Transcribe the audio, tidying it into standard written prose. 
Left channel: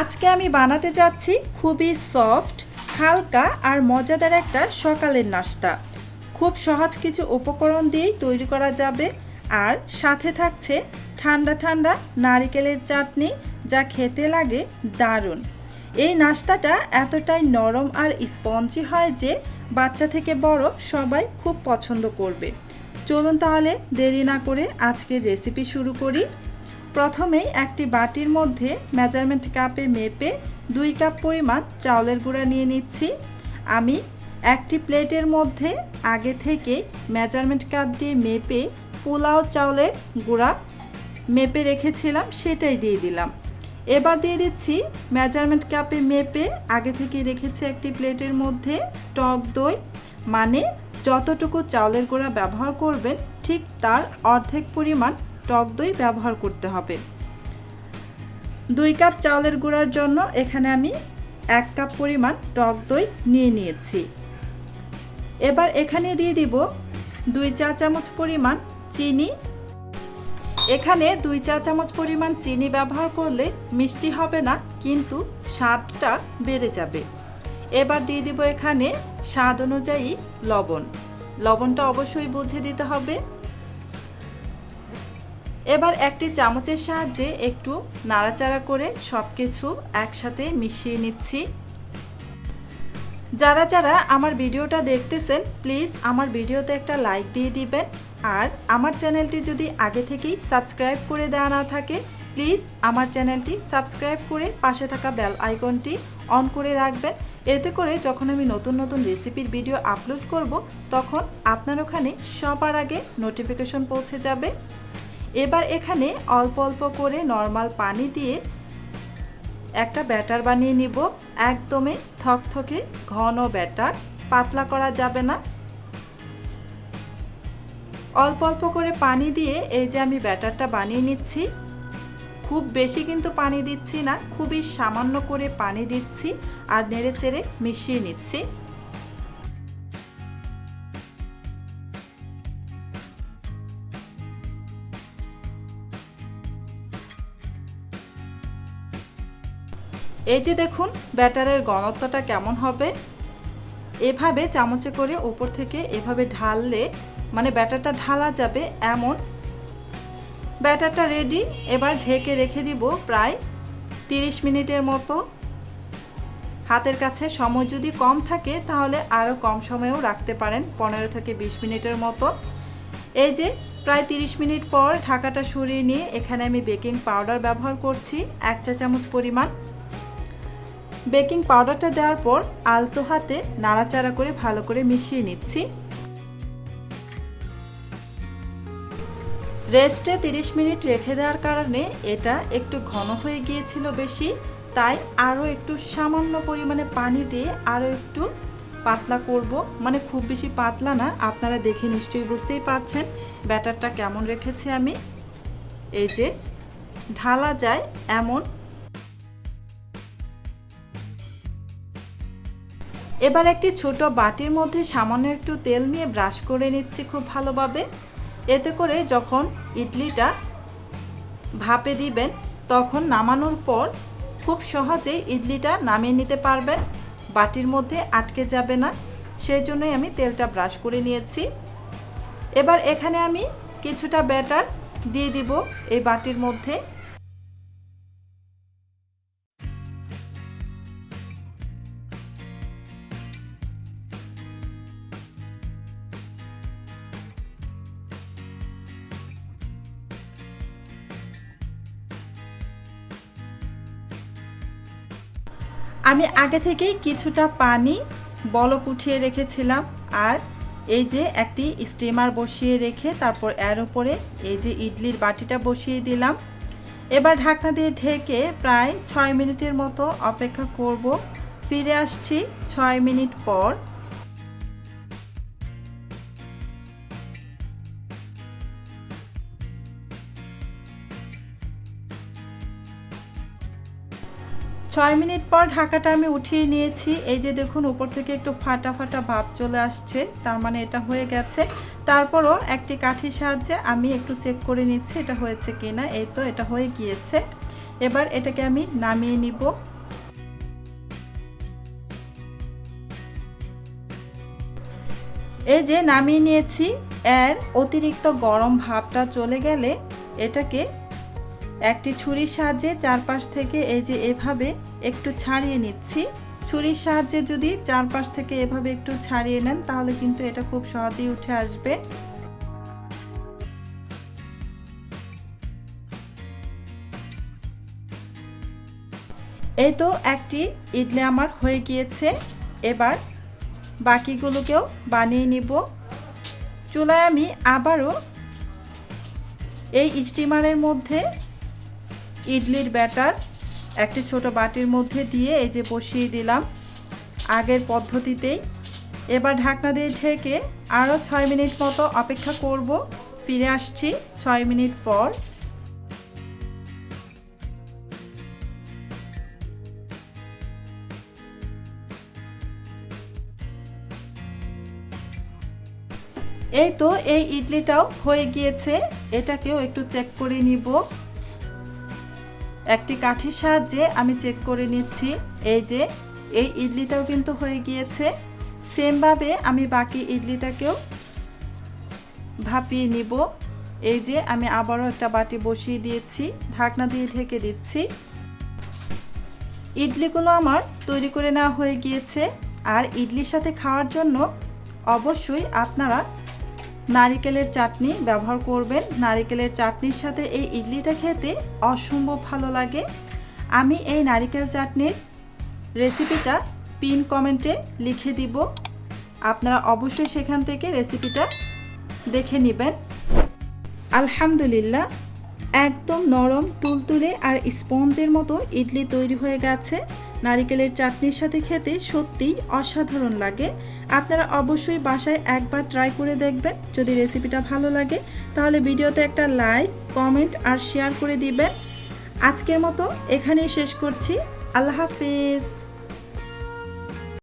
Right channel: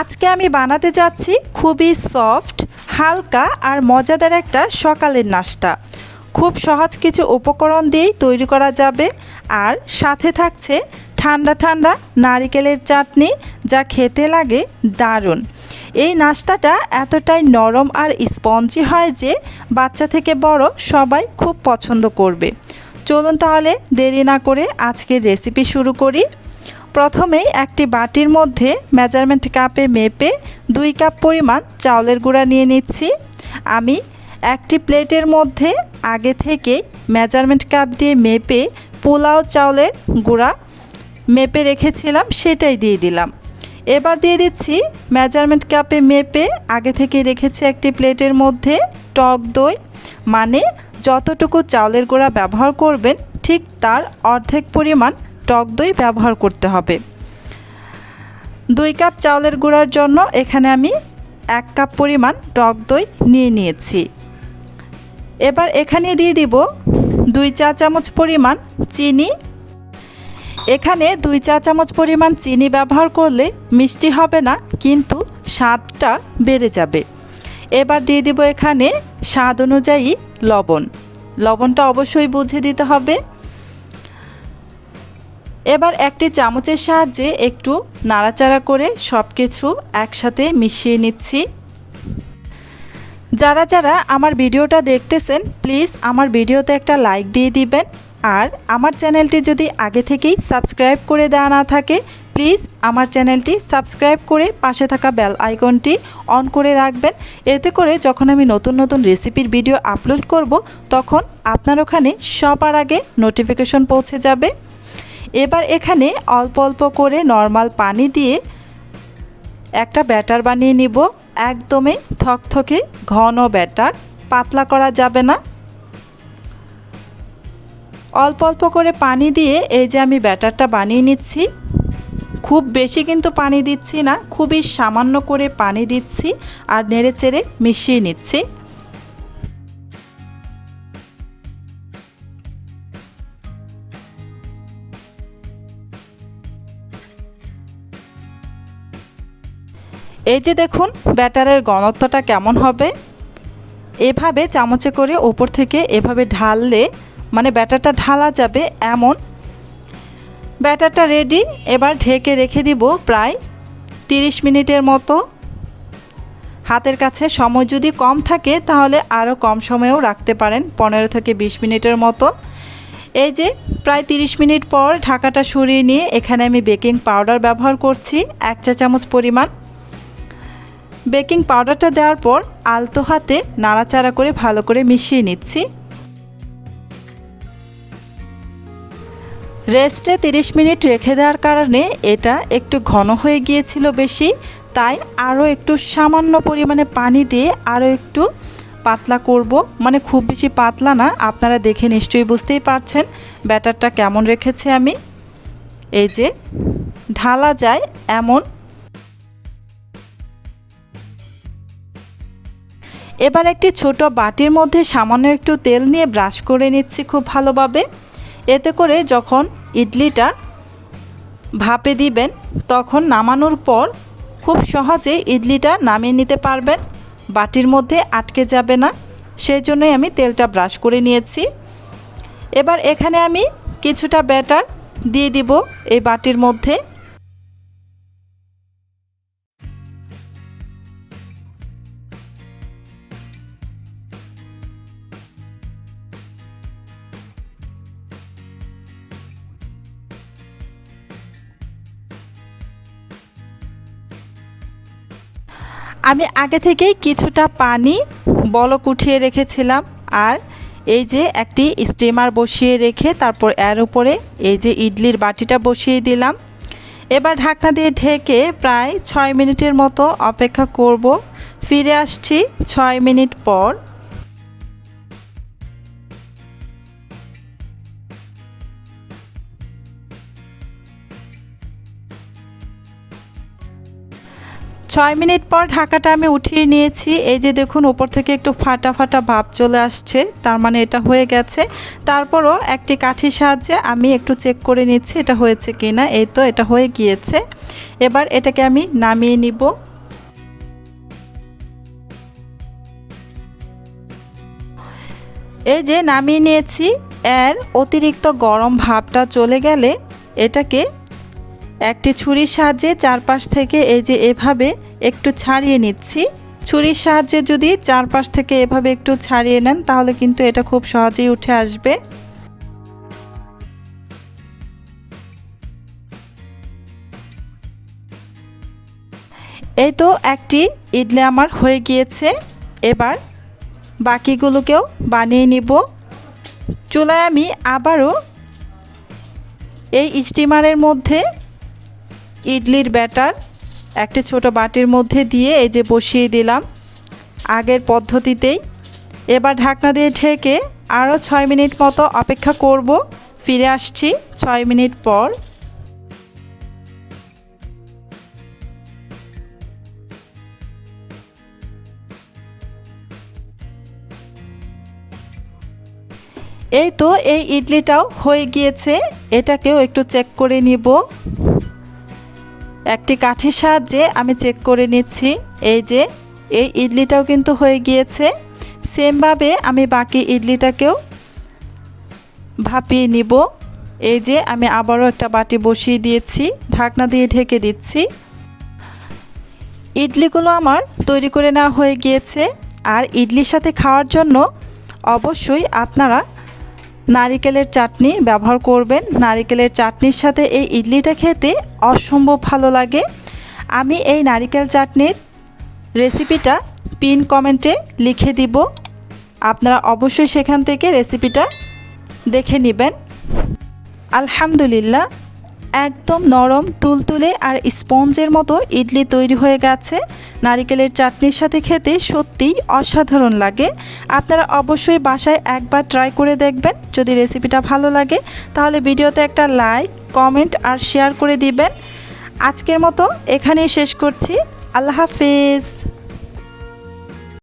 আজকে আমি বানাতে যাচ্ছি খুবই সফট, হালকা আর মজাদার একটা সকালের নাস্তা। খুব সহজ কিছু উপকরণ দিয়েই তৈরি করা যাবে, আর সাথে থাকছে ঠান্ডা ঠান্ডা নারকেলের চাটনি, যা খেতে লাগে দারুণ। এই নাস্তাটা এতটাই নরম আর স্পঞ্জি হয় যে বাচ্চা থেকে বড় সবাই খুব পছন্দ করবে। চলুন তাহলে দেরি না করে আজকের রেসিপি শুরু করি। প্রথমেই একটি বাটির মধ্যে মেজারমেন্ট কাপে মেপে 2 কাপ পরিমাণ চাউলের গুঁড়া নিয়ে নিচ্ছি। আমি একটি প্লেটের মধ্যে আগে থেকে মেজারমেন্ট কাপ দিয়ে মেপে পোলাও চাউলের গুঁড়া মেপে রেখেছিলাম, সেটাই দিয়ে দিলাম। এবার দিয়ে দিচ্ছি মেজারমেন্ট কাপে মেপে আগে থেকে রেখেছি একটি প্লেটের মধ্যে টক দই, মানে যতটুকু চাউলের গুঁড়া ব্যবহার করবেন ঠিক তার অর্ধেক পরিমাণ টক দই ব্যবহার করতে হবে। 2 কাপ চাউলের গুঁড়ার জন্য এখানে আমি 1 কাপ পরিমাণ টক দই নিয়ে নিয়েছি। এবার এখানে দিয়ে দিব 2 চা চামচ পরিমাণ চিনি। এখানে 2 চা চামচ পরিমাণ চিনি ব্যবহার করলে মিষ্টি হবে না, কিন্তু স্বাদটা বেড়ে যাবে। এবার দিয়ে দিব এখানে স্বাদ অনুযায়ী লবণ। লবণটা অবশ্যই বুঝে দিতে হবে। এবার একটি চামচের সাহায্যে একটু নাড়াচাড়া করে সব কিছু একসাথে মিশিয়ে নিচ্ছি। যারা যারা আমার ভিডিওটা দেখতেছেন প্লিজ আমার ভিডিওতে একটা লাইক দিয়ে দিবেন, আর আমার চ্যানেলটি যদি আগে থেকেই সাবস্ক্রাইব করে দেওয়া না থাকে প্লিজ আমার চ্যানেলটি সাবস্ক্রাইব করে পাশে থাকা বেল আইকনটি অন করে রাখবেন। এতে করে যখন আমি নতুন নতুন রেসিপির ভিডিও আপলোড করব তখন আপনার ওখানে সবার আগে নোটিফিকেশন পৌঁছে যাবে। এবার এখানে অল্প অল্প করে নর্মাল পানি দিয়ে একটা ব্যাটার বানিয়ে নিব। একদমই থকথকে ঘন ব্যাটার, পাতলা করা যাবে না। অল্প অল্প করে পানি দিয়ে এই যে আমি ব্যাটারটা বানিয়ে নিচ্ছি। খুব বেশি কিন্তু পানি দিচ্ছি না, খুবই সামান্য করে পানি দিচ্ছি আর নেড়েচেড়ে মিশিয়ে নিচ্ছি। এই যে দেখুন ব্যাটারের ঘনত্বটা কেমন হবে। এভাবে চামচে করে ওপর থেকে এভাবে ঢাললে মানে ব্যাটারটা ঢালা যাবে এমন। ব্যাটারটা রেডি। এবার ঢেকে রেখে দিব প্রায় 30 মিনিটের মতো। হাতের কাছে সময় যদি কম থাকে তাহলে আরও কম সময়েও রাখতে পারেন, 15 থেকে 20 মিনিটের মতো। এই যে প্রায় 30 মিনিট পর ঢাকাটা সরিয়ে নিয়ে এখানে আমি বেকিং পাউডার ব্যবহার করছি 1 চা চামচ পরিমাণ। বেকিং পাউডারটা দেওয়ার পর আলতো হাতে নাড়াচাড়া করে ভালো করে মিশিয়ে নিচ্ছি। রেস্টে 30 মিনিট রেখে দেওয়ার কারণে এটা একটু ঘন হয়ে গিয়েছিল বেশি, তাই আরও একটু সামান্য পরিমাণে পানি দিয়ে আরও একটু পাতলা করব। মানে খুব বেশি পাতলা না, আপনারা দেখে নিশ্চয়ই বুঝতেই পারছেন ব্যাটারটা কেমন রেখেছি আমি। এই যে ঢালা যায় এমন। এবার একটি ছোট বাটির মধ্যে সামান্য একটু তেল নিয়ে ব্রাশ করে নিচ্ছি খুব ভালোভাবে। এতে করে যখন ইডলিটা ভাপে দিবেন তখন নামানোর পর খুব সহজে ইডলিটা নামিয়ে নিতে পারবেন, বাটির মধ্যে আটকে যাবে না। সেই জন্যই আমি তেলটা ব্রাশ করে নিয়েছি। এবার এখানে আমি কিছুটা ব্যাটার দিয়ে দিব এই বাটির মধ্যে। আমি আগে থেকেই কিছুটা পানি বলক উঠিয়ে রেখেছিলাম, আর এই যে একটি স্টিমার বসিয়ে রেখে তারপর এর উপরে এই যে ইডলির বাটিটা বসিয়ে দিলাম। এবার ঢাকনা দিয়ে ঢেকে প্রায় 6 মিনিটের মতো অপেক্ষা করব। ফিরে আসছি 6 মিনিট পর। 6 মিনিট পর ঢাকাটা আমি উঠিয়ে নিয়েছি। এই যে দেখুন উপর থেকে একটু ফাটা ফাটা ভাব চলে আসছে, তার মানে এটা হয়ে গেছে। তারপরও একটি কাঠির সাহায্যে আমি একটু চেক করে নিচ্ছি এটা হয়েছে কিনা। এই তো এটা হয়ে গিয়েছে। এবার এটাকে আমি নামিয়ে নিব। এই যে নামিয়ে নিয়েছি। এর অতিরিক্ত গরম ভাবটা চলে গেলে এটাকে একটি ছুরির সাহায্যে চারপাশ থেকে এই যে এভাবে একটু ছাড়িয়ে নিচ্ছি। ছুরির সাহায্যে যদি চারপাশ থেকে এভাবে একটু ছাড়িয়ে নেন তাহলে কিন্তু এটা খুব সহজেই উঠে আসবে। এই তো একটি ইডলি আমার হয়ে গিয়েছে। এবার বাকিগুলোকেও বানিয়ে নিব। চুলায় আমি আবারও এই স্টিমারের মধ্যে ইডলির ব্যাটার একটি ছোট বাটির মধ্যে দিয়ে এই যে বসিয়ে দিলাম আগের পদ্ধতিতেই। এবার ঢাকনা দিয়ে ঢেকে আরও 6 মিনিট মতো অপেক্ষা করব। ফিরে আসছি 6 মিনিট পর। এই তো এই ইডলিটাও হয়ে গিয়েছে। এটাকেও একটু চেক করে নিব। একটি কাঠির সাহায্যে আমি চেক করে নিচ্ছি। এই যে এই ইডলিটাও কিন্তু হয়ে গিয়েছে। সেমভাবে আমি বাকি ইডলিটাকেও ভাপিয়ে নিব। এই যে আমি আবারও একটা বাটি বসিয়ে দিয়েছি, ঢাকনা দিয়ে ঢেকে দিচ্ছি। ইডলিগুলো আমার তৈরি করে নেওয়া হয়ে গিয়েছে। আর ইডলির সাথে খাওয়ার জন্য অবশ্যই আপনারা নারিকেলের চাটনি ব্যবহার করবেন। নারিকেলের চাটনির সাথে এই ইডলিটা খেতে অসম্ভব ভালো লাগে। আমি এই নারিকেল চাটনির রেসিপিটা পিন কমেন্টে লিখে দিব, আপনারা অবশ্যই সেখান থেকে রেসিপিটা দেখে নেবেন। আলহামদুলিল্লাহ, একদম নরম তুলতুলে আর স্পঞ্জের মতো ইডলি তৈরি হয়ে গেছে। নারিকেলের চাটনির সাথে খেতে সত্যিই অসাধারণ লাগে। আপনারা অবশ্যই বাসায় একবার ট্রাই করে দেখবেন। যদি রেসিপিটা ভালো লাগে তাহলে ভিডিওতে একটা লাইক, কমেন্ট আর শেয়ার করে দিবেন। আজকের মতো এখানেই শেষ করছি। আল্লাহ হাফেজ।